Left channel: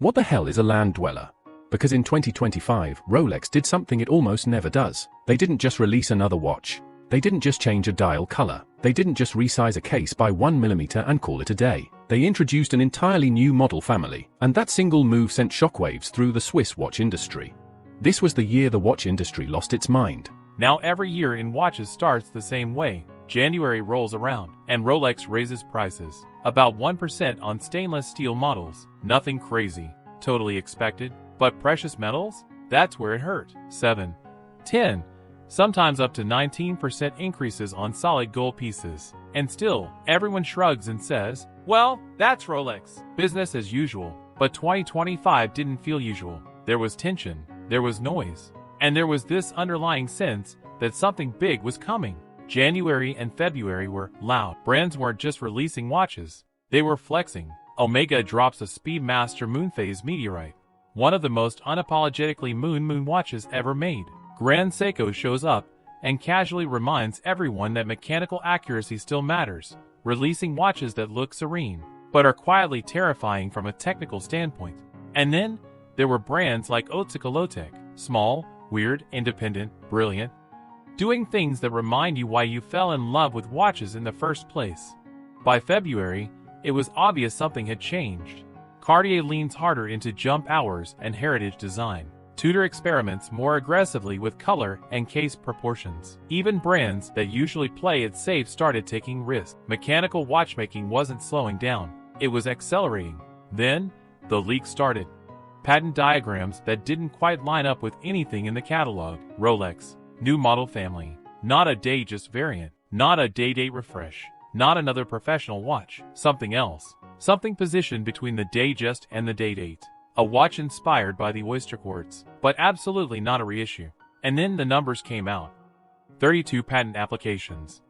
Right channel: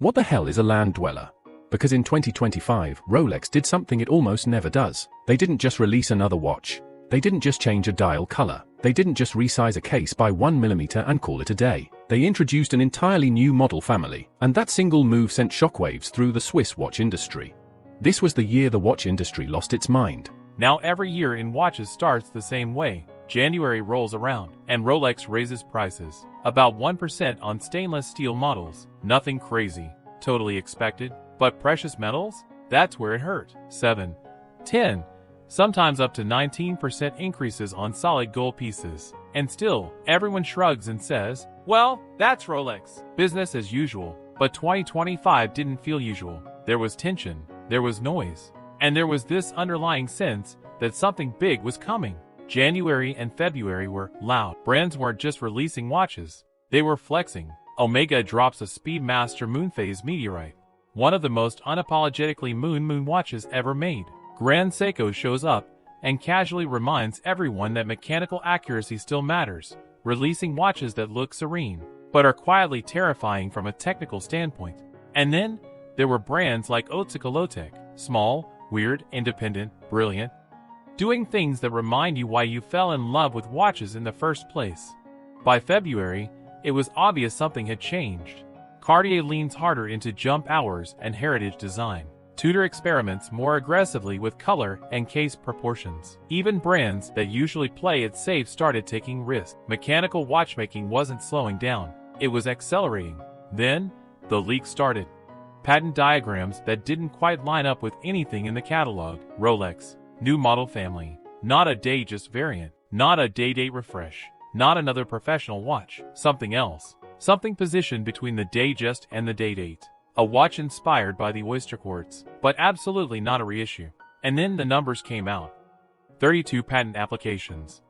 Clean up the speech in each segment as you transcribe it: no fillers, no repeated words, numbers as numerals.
What the hell is a land-dweller? Because in 2025, Rolex did something it almost never does. They didn't just release another watch. They didn't just change a dial color. They didn't just resize a case by 1mm and call it a day. They introduced an entirely new model family, and that single move sent shockwaves through the Swiss watch industry. This was the year the watch industry lost its mind. Now every year in watches starts the same way. January rolls around, and Rolex raises prices. About 1% on stainless steel models. Nothing crazy. Totally expected. But precious metals? That's where it hurt. 7, 10, sometimes up to 19% increases on solid gold pieces. And still, everyone shrugs and says, well, that's Rolex. Business as usual. But 2025 didn't feel usual. There was tension. There was noise. And there was this underlying sense that something big was coming. January and February were loud. Brands weren't just releasing watches. They were flexing. Omega drops a Speedmaster Moonphase meteorite, one of the most unapologetically moon watches ever made. Grand Seiko shows up and casually reminds everyone that mechanical accuracy still matters, releasing watches that look serene, but are quietly terrifying from a technical standpoint. And then there were brands like Oyster, small, weird, independent, brilliant, doing things that remind you why you fell in love with watches in the first place. By February, it was obvious something had changed. Cartier leans harder into jump hours and heritage design. Tudor experiments more aggressively with color and case proportions. Even brands that usually play it safe started taking risks. Mechanical watchmaking wasn't slowing down. It was accelerating. Then, the leak started. Patent diagrams that didn't quite line up with anything in the catalog. Rolex. New model family. Not a Datejust variant. Not a Day-Date refresh. Not another professional watch. Something else. Something positioned between the Datejust and the Day-Date. A watch inspired by the Oyster quartz, but absolutely not a reissue. And then the numbers came out. 32 patent applications.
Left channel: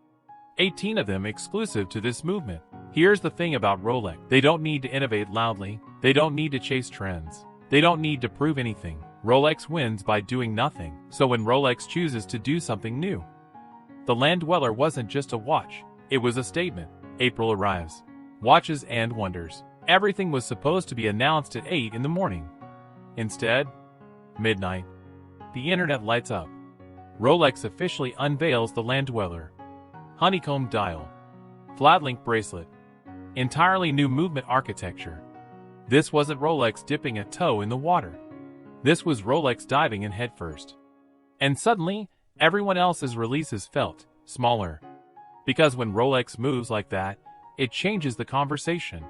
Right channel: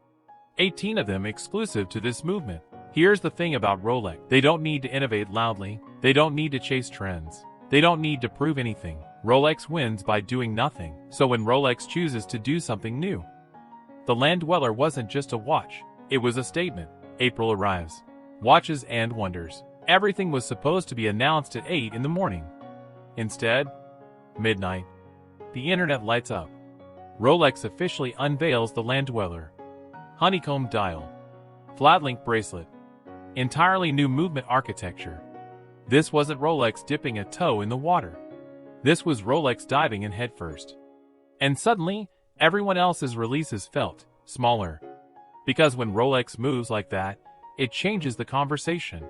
18 of them exclusive to this movement. Here's the thing about Rolex. They don't need to innovate loudly. They don't need to chase trends. They don't need to prove anything. Rolex wins by doing nothing. So when Rolex chooses to do something new, the Land-Dweller wasn't just a watch. It was a statement. April arrives. Watches and wonders. Everything was supposed to be announced at 8 in the morning. Instead, midnight. The internet lights up. Rolex officially unveils the Land-Dweller. Honeycomb dial. Flat link bracelet. Entirely new movement architecture. This wasn't Rolex dipping a toe in the water. This was Rolex diving in headfirst. And suddenly, everyone else's releases felt smaller. Because when Rolex moves like that, it changes the conversation.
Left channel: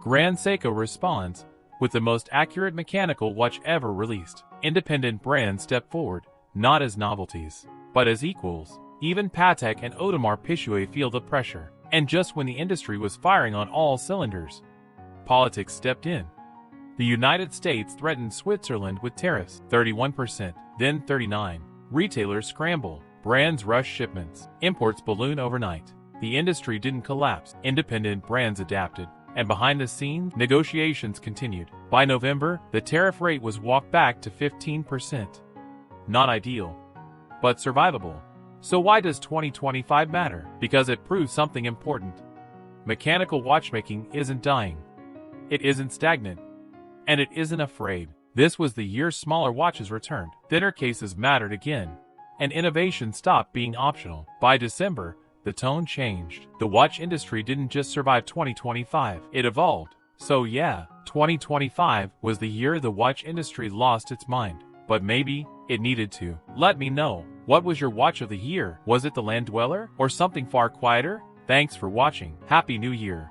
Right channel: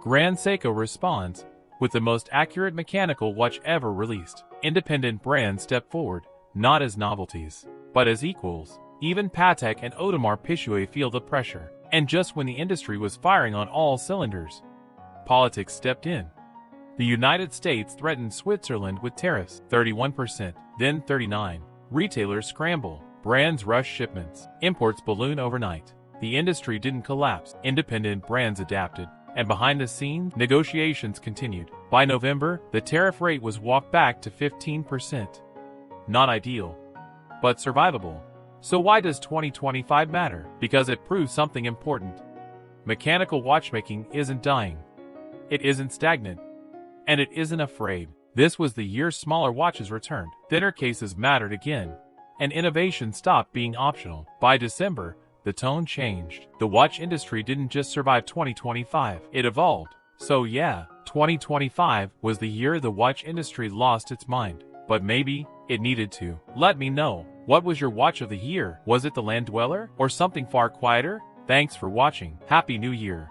Grand Seiko responds with the most accurate mechanical watch ever released. Independent brands step forward, not as novelties, but as equals. Even Patek and Audemars Piguet feel the pressure. And just when the industry was firing on all cylinders, politics stepped in. The United States threatened Switzerland with tariffs, 31%, then 39%. Retailers scramble. Brands rush shipments. Imports balloon overnight. The industry didn't collapse. Independent brands adapted. And behind the scenes, negotiations continued. By November, the tariff rate was walked back to 15%. Not ideal, but survivable. So why does 2025 matter? Because it proves something important. Mechanical watchmaking isn't dying. It isn't stagnant. And it isn't afraid. This was the year smaller watches returned. Thinner cases mattered again. And innovation stopped being optional. By December, the tone changed. The watch industry didn't just survive 2025, it evolved. So yeah, 2025 was the year the watch industry lost its mind. But maybe it needed to. Let me know. What was your watch of the year? Was it the Land-Dweller or something far quieter? Thanks for watching. Happy New Year.